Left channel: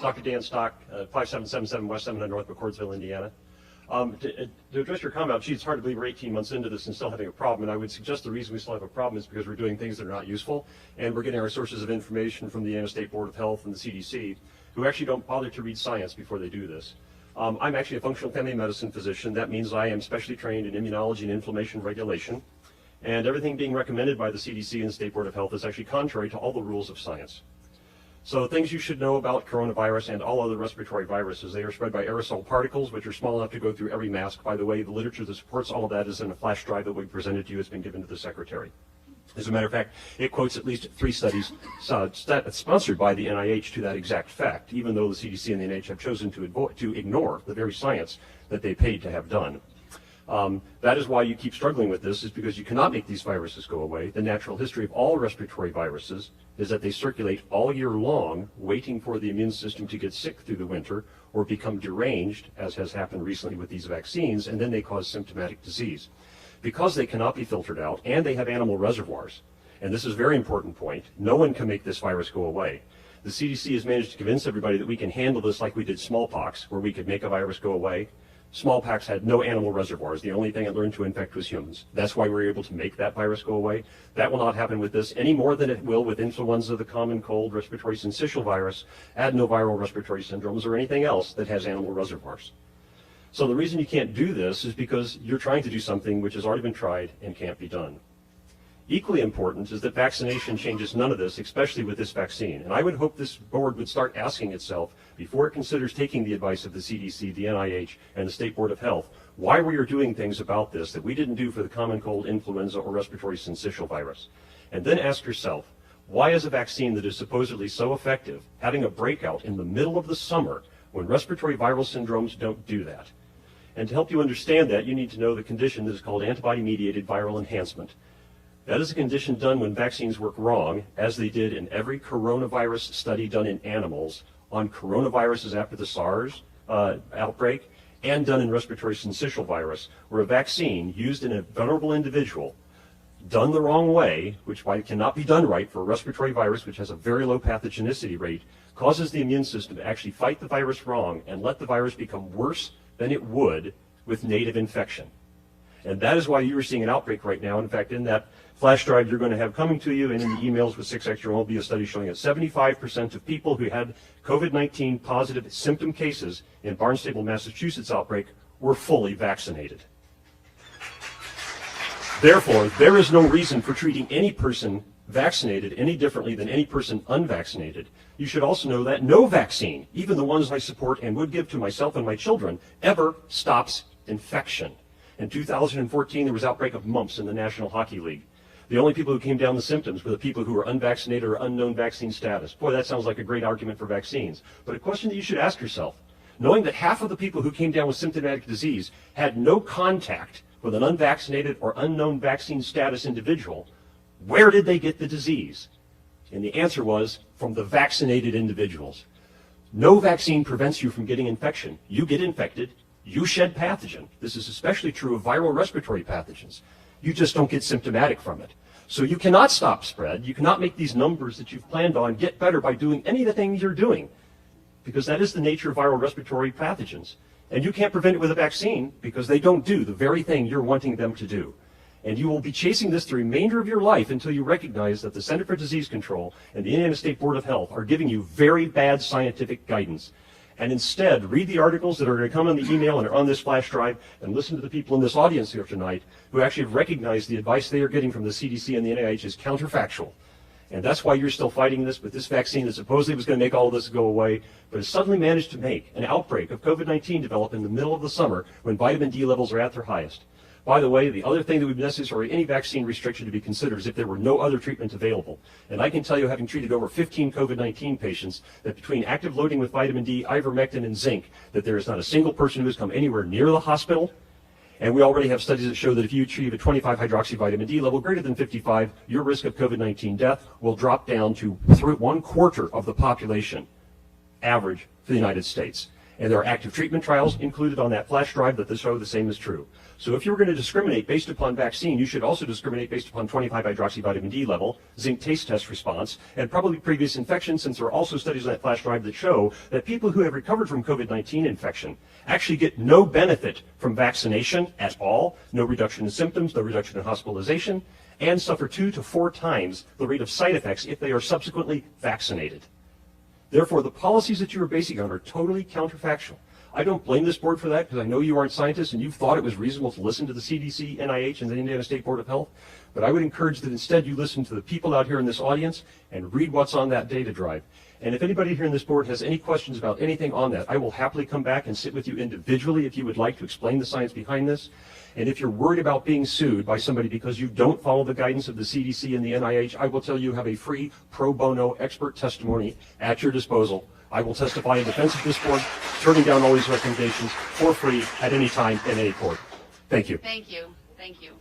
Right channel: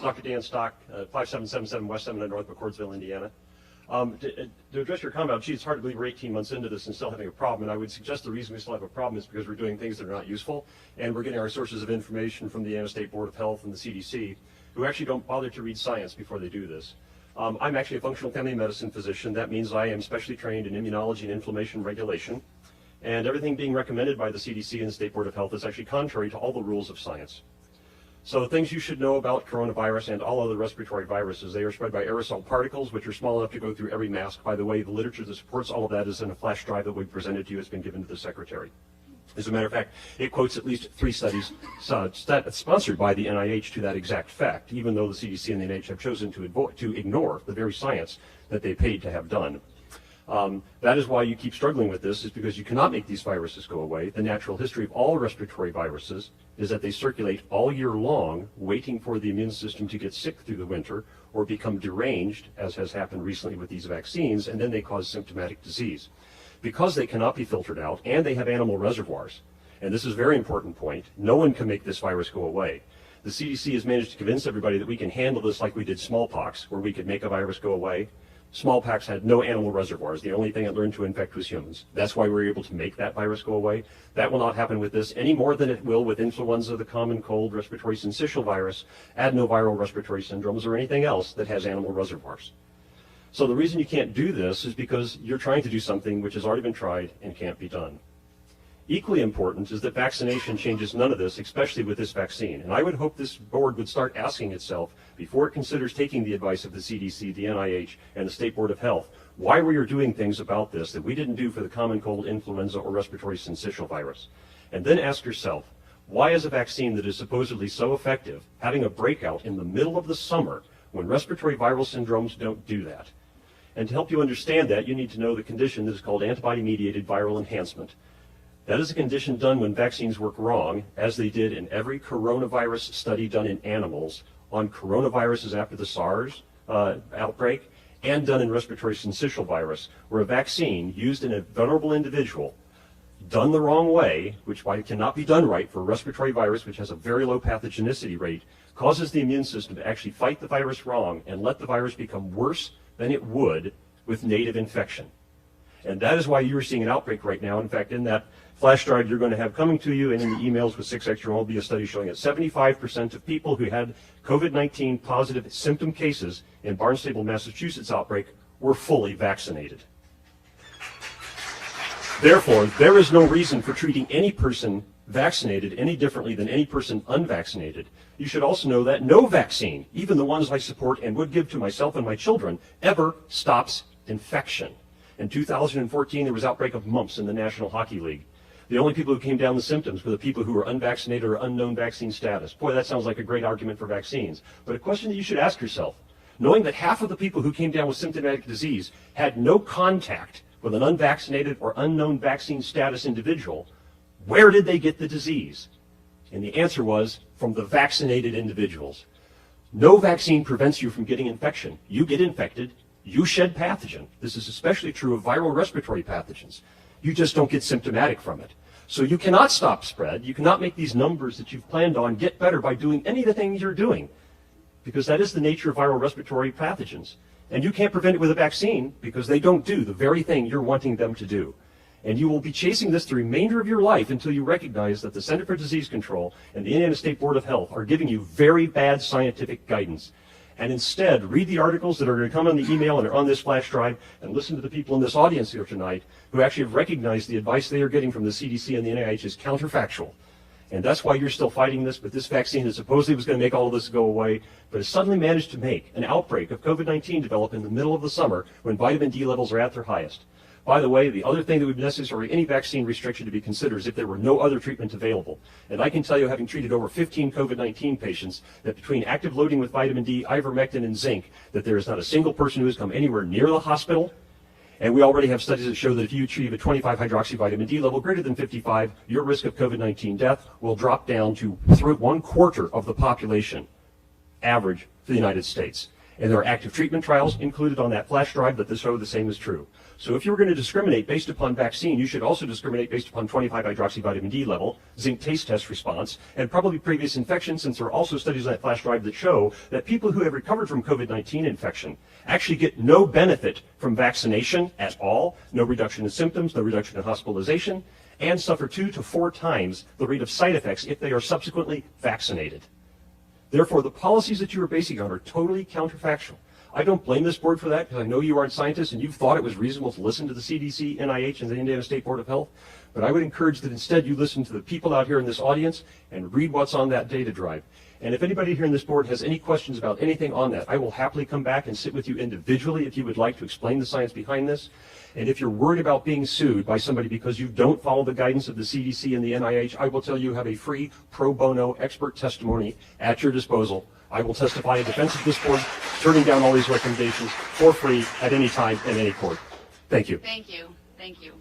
Dr. Dan Stock, 5777 West 700 North McCordsville, Indiana. To address your comment, gee, it's hard to believe we're 18 months into this and still having a problem, and I would suggest the reason we still have a problem is because we're doing things that are not useful, and we're getting our sources of information from the Indiana State Board of Health and the CDC, who actually don't bother to read science before they do this. I'm actually a functional family medicine physician. That means I am specially trained in immunology and inflammation regulation, and everything being recommended by the CDC and the State Board of Health is actually contrary to all the rules of science. So the things you should know about coronavirus and all other respiratory viruses, they are spread by aerosol particles, which are small enough to go through every mask. By the way, the literature that supports all of that is in a flash drive that we presented to you. It's been given to the secretary. As a matter of fact, it quotes at least 3 studies sponsored by the NIH to that exact fact, even though the CDC and the NIH have chosen to ignore the very science that they paid to have done. That is why you keep struggling with this, is because you cannot make these viruses go away. The natural history of all respiratory viruses is that they circulate all year long, waiting for the immune system to get sick through the winter or become deranged, as has happened recently with these vaccines, and then they cause symptomatic disease. Because they cannot be filtered out, and they have animal reservoirs, and this is a very important point, no one can make this virus go away. The CDC has managed to convince everybody that we can handle this like we did smallpox, where we could make a virus go away. Smallpox had no animal reservoirs. The only thing it learned to infect was humans. That's why we were able to make that virus go away. That will not happen with this any more than it will with influenza, the common cold, respiratory syncytial virus, adenoviral respiratory syndromes, or anything else that has animal reservoirs. So the reason you can't do this is because you're trying to do something which has already been tried and can't be done. Equally important is that vaccination changes none of this, especially with this vaccine. And I would hope this board would start asking itself, before it considers taking the advice of the CDC, the NIH, and the State Board of Health, why we are doing things about this that we didn't do for the common cold, influenza, or respiratory syncytial virus. And then ask yourself, why is a vaccine that is supposedly so effective having a breakout in the middle of the summer when respiratory viral syndromes don't do that? And to help you understand that, you need to know the condition that is called antibody-mediated viral enhancement. That is a condition done when vaccines work wrong, as they did in every coronavirus study done in animals on coronaviruses after the SARS outbreak, and done in respiratory syncytial virus, where a vaccine used in a vulnerable individual, done the wrong way, which cannot be done right for a respiratory virus which has a very low pathogenicity rate, causes the immune system to actually fight the virus wrong and let the virus become worse than it would with native infection. And that is why you are seeing an outbreak right now. In fact, in that flash drive you're going to have coming to you and in the emails with 6 extra will be a study showing that 75% of people who had COVID-19 positive symptom cases in Barnstable, Massachusetts outbreak were fully vaccinated. Therefore, there is no reason for treating any person vaccinated any differently than any person unvaccinated. You should also know that no vaccine, even the ones I support and would give to myself and my children, ever stops infection. In 2014, there was outbreak of mumps in the National Hockey League. The only people who came down with symptoms were the people who were unvaccinated or unknown vaccine status. Boy, that sounds like a great argument for vaccines. But a question that you should ask yourself, knowing that half of the people who came down with symptomatic disease had no contact with an unvaccinated or unknown vaccine status individual, where did they get the disease? And the answer was from the vaccinated individuals. No vaccine prevents you from getting infection. You get infected, you shed pathogen. This is especially true of viral respiratory pathogens. You just don't get symptomatic from it. So you cannot stop spread. You cannot make these numbers that you've planned on get better by doing any of the things you're doing, because that is the nature of viral respiratory pathogens. And you can't prevent it with a vaccine because they don't do the very thing you're wanting them to do. And you will be chasing this the remainder of your life until you recognize that the Center for Disease Control and the Indiana State Board of Health are giving you very bad scientific guidance. And instead, read the articles that are going to come on the email and are on this flash drive, and listen to the people in this audience here tonight who actually have recognized the advice they are getting from the CDC and the NIH is counterfactual. And that's why you're still fighting this. But this vaccine that supposedly was going to make all of this go away, but has suddenly managed to make an outbreak of COVID-19 develop in the middle of the summer when vitamin D levels are at their highest. By the way, the other thing that would be necessary, any vaccine restriction to be considered, is if there were no other treatment available. And I can tell you, having treated over 15 COVID-19 patients, that between active loading with vitamin D, ivermectin, and zinc, that there is not a single person who has come anywhere near the hospital. And we already have studies that show that if you achieve a 25 hydroxyvitamin D level greater than 55, your risk of COVID-19 death will drop down to 1/4 of the population average for the United States. And there are active treatment trials included on that flash drive that show the same is true. So if you're going to discriminate based upon vaccine, you should also discriminate based upon 25-hydroxyvitamin D level, zinc taste test response, and probably previous infection, since there are also studies on that flash drive that show that people who have recovered from COVID-19 infection actually get no benefit from vaccination at all, no reduction in symptoms, no reduction in hospitalization, and suffer 2 to 4 times the rate of side effects if they are subsequently vaccinated. Therefore, the policies that you are basing on are totally counterfactual. I don't blame this board for that, because I know you aren't scientists and you thought it was reasonable to listen to the CDC, NIH, and the Indiana State Board of Health. But I would encourage that instead you listen to the people out here in this audience and read what's on that data drive. And if anybody here in this board has any questions about anything on that, I will happily come back and sit with you individually if you would like to explain the science behind this. And if you're worried about being sued by somebody because you don't follow the guidance of the CDC and the NIH, I will tell you have a free pro bono expert testimony at your disposal. I will testify in defense of this board, turning down all these recommendations for free at any time in any court. Thank you. Thank you. Thank you.